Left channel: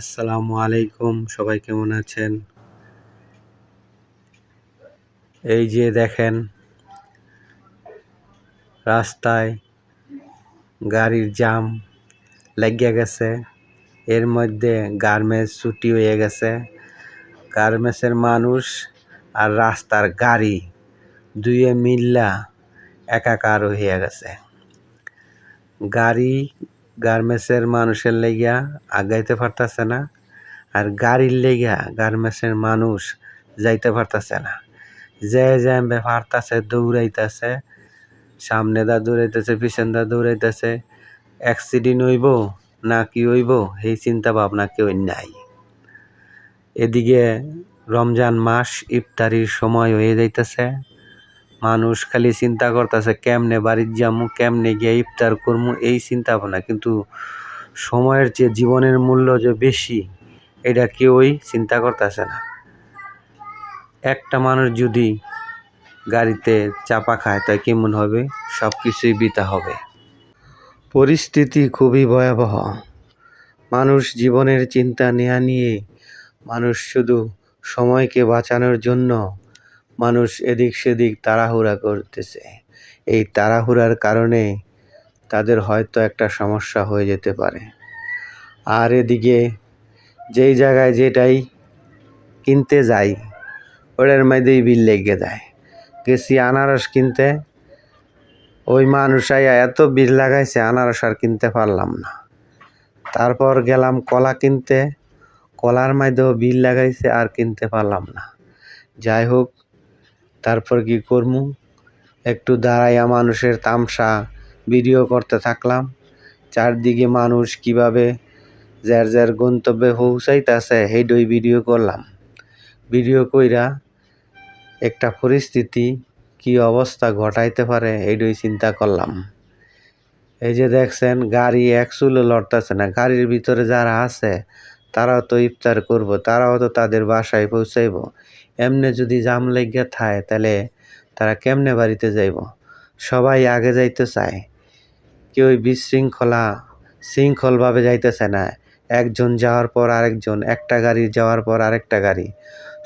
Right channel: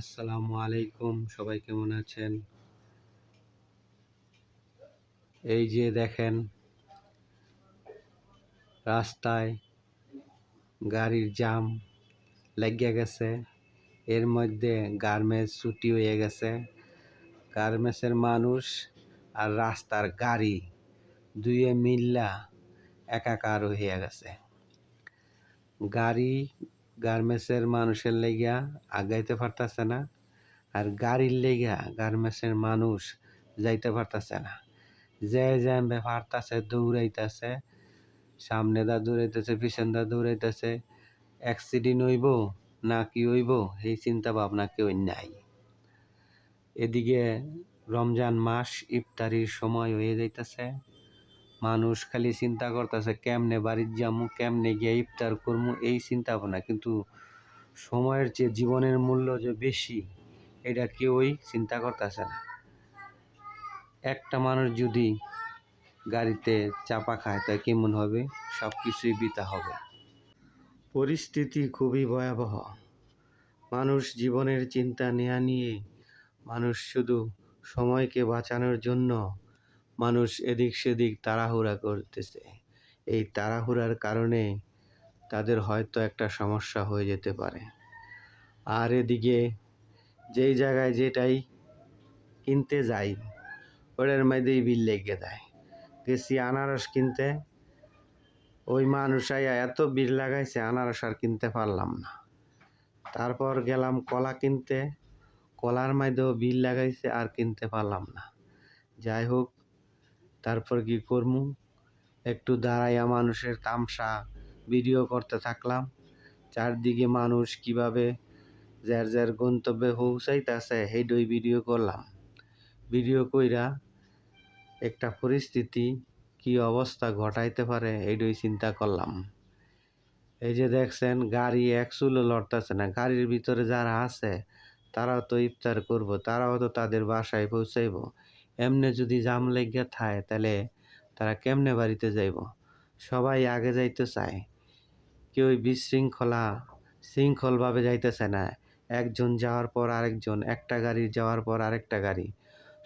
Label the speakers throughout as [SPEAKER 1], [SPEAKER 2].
[SPEAKER 1] আসসালামু আলাইকুম, সবাই কেমন আছেন? এই যে দেখেন, রাস্তায় গাড়ির জাম লাগিয়া গেছে। এর মধ্যে গার্মেন্টস ছুটি হয়ে গেছে। গার্মেন্টসের মানুষ আর রাস্তার গাড়ি দুইয়ে মিল্লা একাকার হয়ে গেছে। গাড়ি গার্মেন্টসের মানুষের লেগিয়া আগাইতে পারতাছে না আর গাড়ির লেগিয়া গার্মেন্টসের মানুষ যাইতে পারতাছে না। যে যে পারতাছে, দৌড়াইতেছে, সামনে দা দৌড়াইতেছে, পিছন দা দৌড়াইতেছে অ্যাক্সিডেন্ট হইব না কি হইব, এই চিন্তা ভাবনা কেউ নাই। এদিকে রমজান মাস, ইফতারির সময় হয়ে যাইতেছে। মানুষ খালি চিন্তা করতেছে, কেমনে বাড়ির যামু, কেমনে গিয়ে ইফতার করমু, এই চিন্তা ভাবনা কিন্তু সময়ের যে জীবনের মূল্য যে বেশি, এটা কেউই চিন্তা করতেছে না। একটা মানুষ যদি গাড়িতে চাপা খায় তা কেমন হবে? সব কিছুই বিতা হবে। পরিস্থিতি খুবই ভয়াবহ। মানুষ জীবনের চিন্তা নেয়া নিয়ে, মানুষ শুধু সময়কে বাঁচানোর জন্য মানুষ এদিক সেদিক তাড়াহুড়া করতেছে। এই তাড়াহুড়ার কারণে তাদের হয়তো একটা সমস্যা হয়ে যেতে পারে। আর এদিকে যেই জায়গায় যেটাই কিনতে যাই, ওটার মধ্যেই বিল লেগে যায়। গেছি আনারস কিনতে। ওই মানুষ আইয়া এত বিল লাগাইছে, আনারস আর কিনতে পারলাম না। তারপর গেলাম কলা কিনতে। কলার মধ্যেও বিল লাগাইছে, আর কিনতে পারলাম না। যাই হোক তারপর কি করমু? একটু দাঁড়াইয়া মানুষের তামসা ভিডিও করতে থাকলাম। চারদিকে মানুষ কীভাবে যার যার গন্তব্যে পৌঁছাইতেছে সেইটাই ভিডিও করলাম। ভিডিও কইরা একটা পরিস্থিতি কি অবস্থা ঘটাইতে পারে এইটাই চিন্তা করলাম। এই যে দেখছেন, গাড়ি এক চুলো লড়তেছে না। গাড়ির ভিতরে যারা আছে, তারাও তো ইফতার করব, তারাও তো তাদের বাসায় পৌঁছাইব। এমনি যদি জাম লেগে থায়, তাহলে তারা কেমনে বাড়িতে যাইব? সবাই আগে যাইতে চায়। কেউ বিশৃঙ্খলা, শৃঙ্খলভাবে যাইতেছে না। একজন যাওয়ার পর আরেকজন, একটা গাড়ি যাওয়ার পর আরেকটা গাড়ি।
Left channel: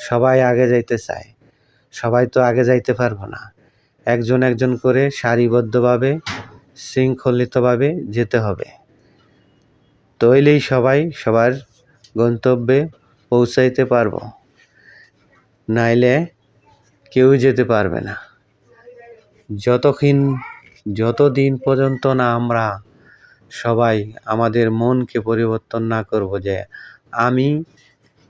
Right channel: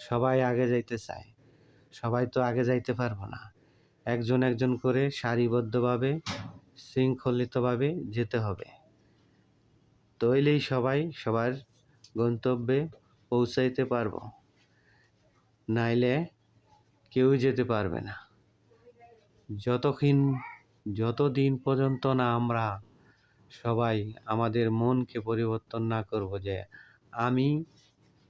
[SPEAKER 1] সবাই আগে যাইতে চায়। সবাই তো আগে যাইতে পারব না। একজন একজন করে সারিবদ্ধভাবে, শৃঙ্খলিতভাবে যেতে হবে। তইলেই সবাই সবার গন্তব্যে পৌঁছাইতে পারব। নাইলে কেউ যেতে পারবে না। যতক্ষণ, যতদিন পর্যন্ত না আমরা সবাই আমাদের মনকে পরিবর্তন না করব যে আমি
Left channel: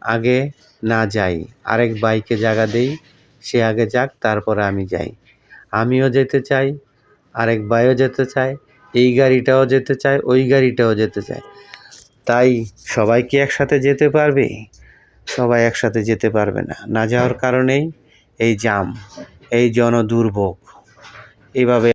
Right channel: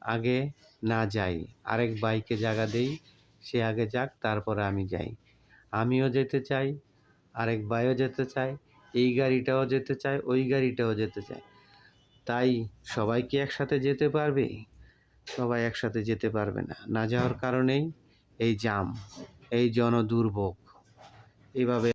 [SPEAKER 1] আগে না যাই, আরেক বাইকে জায়গা দেই, সে আগে যাক, তারপরে আমি যাই। আমিও যেতে চাই, আরেক বাইও যেতে চায়, এই গাড়িটাও যেতে চায়, ওই গাড়িটাও যেতে চায়। তাই সবাই কি একসাথে যেতে পারবে? সবাই একসাথে যেতে পারবে না। না যাওয়ার কারণেই এই জাম এই জনদুর্ভোগ। এইভাবে